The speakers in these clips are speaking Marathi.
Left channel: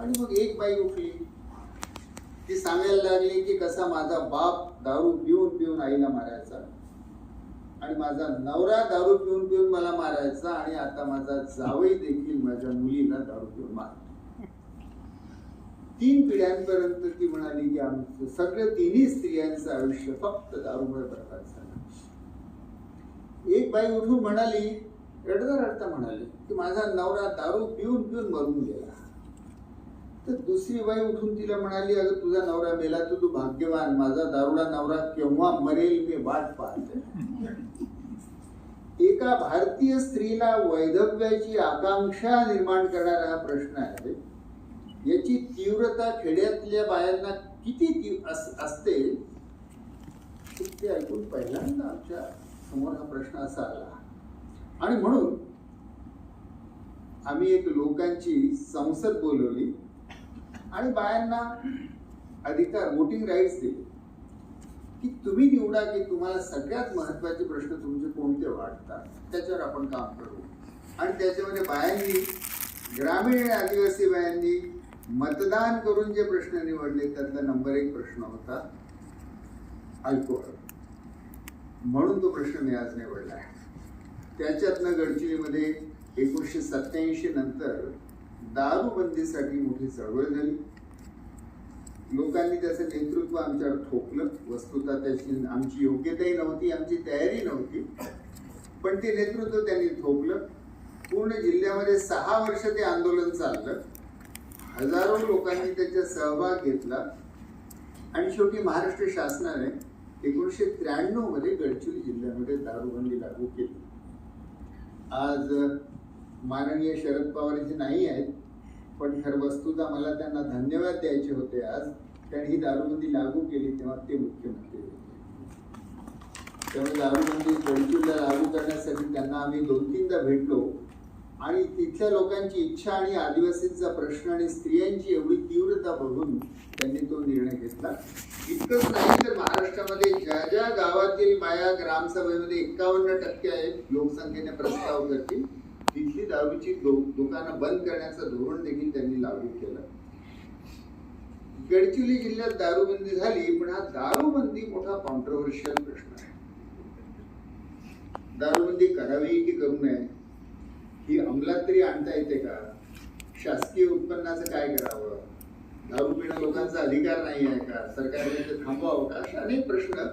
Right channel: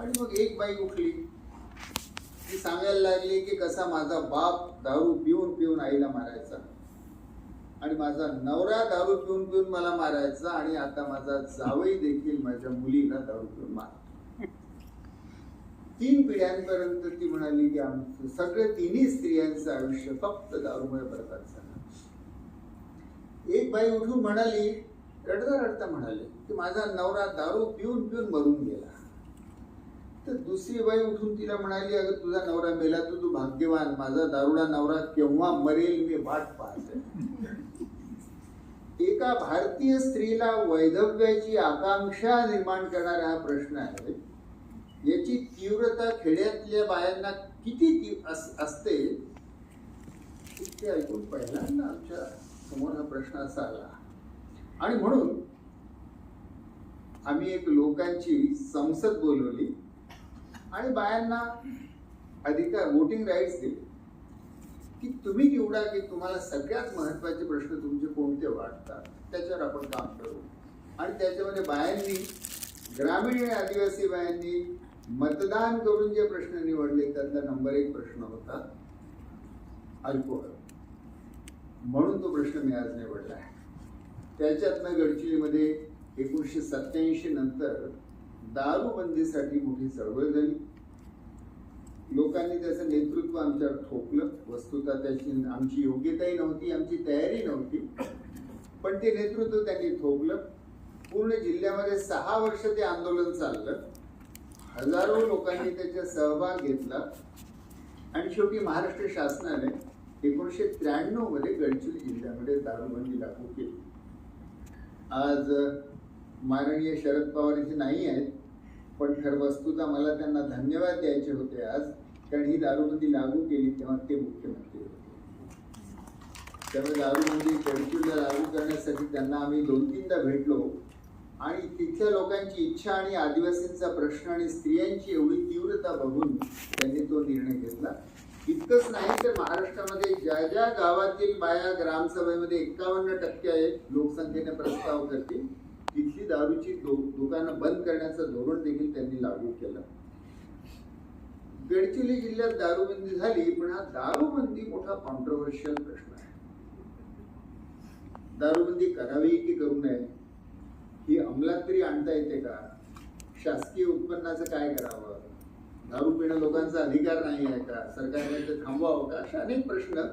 आणि मग एक बाई उठली. ती सांगायला लागली की कसा माझा बाप दारू पिऊन पिऊन आईला मारायचा. आणि माझा नवरा दारू पिऊन पिऊन मला मारायचा आणि आता माझा जावई देखील माझ्या मुलीला दारू पिऊन मारतो. तीन पिढ्यांपर्यंत ती म्हणाली की आमचं सगळं तिन्ही स्त्रियांचं आयुष्य फक्त दारूमुळे बरबाद झालं. एक बाई उठून म्हणाली रडता रडता म्हणाली की माझा नवरा दारू पिऊन पिऊन मरून गेला. तर दुसरी बाई उठून तिला म्हणाली अगं तुझा नवरा मेला तू तू भाग्यवान. माझा दारुडा नवरा केव्हा मरेल मी वाट पाहते एका भारतीय स्त्रीला वैधव्याची आकांक्षा निर्माण करणारा हा प्रश्न आहे याची तीव्रता खेड्यातल्या बायांना किती ती- अस- असते ते ऐकून पहिल्यांदा आमच्यासमोर हा प्रश्न असा आला. आणि म्हणून आम्ही एक लोकांची संसद बोलवली. आणि बायांना अधिकार वोटिंग राईट्स दिले की तुम्ही निवडा की तुम्हाला सगळ्यात महत्त्वाचे प्रश्न तुमचे कोणते वाटतात त्याच्यावर आपण काम करू. आणि त्याच्यामध्ये बायांनी ग्रामीण आणि आदिवासी बायांनी मतदान करून जे प्रश्न निवडले त्यातला नंबर एक प्रश्न होता अल्कोहोल. म्हणून तो प्रश्न मी आज निवडला आहे. त्याच्यातनं गडचिरीमध्ये एकोणीसशे सत्याऐंशी नंतर दारूबंदीसाठी मोठी चळवळ झाली. लोकांनी त्याचं नेतृत्व आमच्यावर ठोकलं. वस्तुतः त्याची आमची योग्यताही नव्हती आमची तयारी नव्हती. पण ते नेतृत्व त्यांनी ठोकलं. पूर्ण जिल्ह्यामध्ये सहा वर्ष ते आंदोलन चाललं. हजारो लोकांनी त्याच्यात सहभाग घेतला. आणि शेवटी महाराष्ट्र शासनाने एकोणीसशे त्र्याण्णवमध्ये गडचिरोली जिल्ह्यामध्ये दारूबंदी लागू केली. आज माननीय शरद पवार इथे नाही आहेत पण खर वस्तूचा मला त्यांना धन्यवाद द्यायचे होते आज कारण ही दारूबंदी लागू केली तेव्हा ते मुख्यमंत्री होते. त्यामुळे दारूबंदी गडचिरोलीला लागू करण्यासाठी त्यांना आम्ही दोन तीनदा भेटलो आणि तिथल्या लोकांची इच्छा आणि आदिवासींचा प्रश्न आणि स्त्रियांची एवढी तीव्रता बघून त्यांनी तो निर्णय घेतला. इतकंच नाही तर महाराष्ट्रामध्ये ज्या ज्या गावातील बाया ग्रामसभेमध्ये एकावन्न टक्के आहेत लोकसंख्येने प्रस्ताव करतील तिथली दारूची दुकानं बंद करण्याचं धोरण देखील त्यांनी लागू केलं. गडचिरोली जिल्ह्यात दारूबंदी झाली पण हा दारूबंदी मोठा कॉन्ट्रोवर्शियल प्रश्न आहे. दारूबंदी करावी की करू नये ही अंमलात तरी आणता येते का? शासकीय उत्पन्नाचं काय करावं? दारू पिणं लोकांचा अधिकार नाही आहे का? सरकारने ते थांबवावं का? असे अनेक प्रश्न.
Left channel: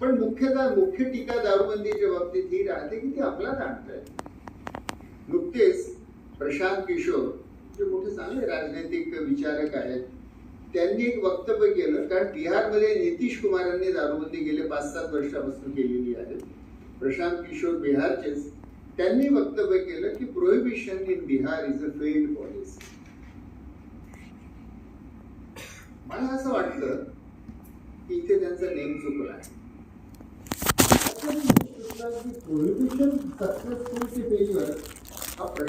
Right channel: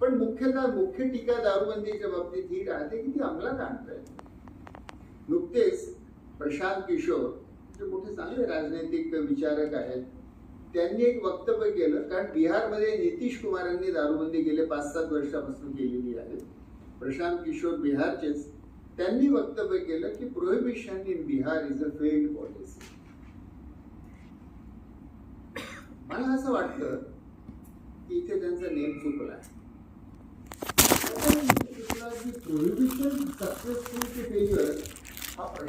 पण मुख्यतः मुख्य टीका दारूबंदीच्या बाबतीत ही राहते की ती अंमलात आणताय नुकतेच प्रशांत किशोर जे मोठे चांगले राजनैतिक विचारक आहेत त्यांनी एक वक्तव्य केलं. कारण बिहारमध्ये नितीश कुमारांनी दारूबंदी गेले पाच सात वर्षापासून केलेली आहे. प्रशांत किशोर बिहारचेच. त्यांनी वक्तव्य केलं की prohibition in Bihar is a failed policy मला असं वाटलं की इथे त्यांचा नेम चुकला आहे. प्रोहिबिशन सक्सेसफुल की फेल्युअर हा प्रश्न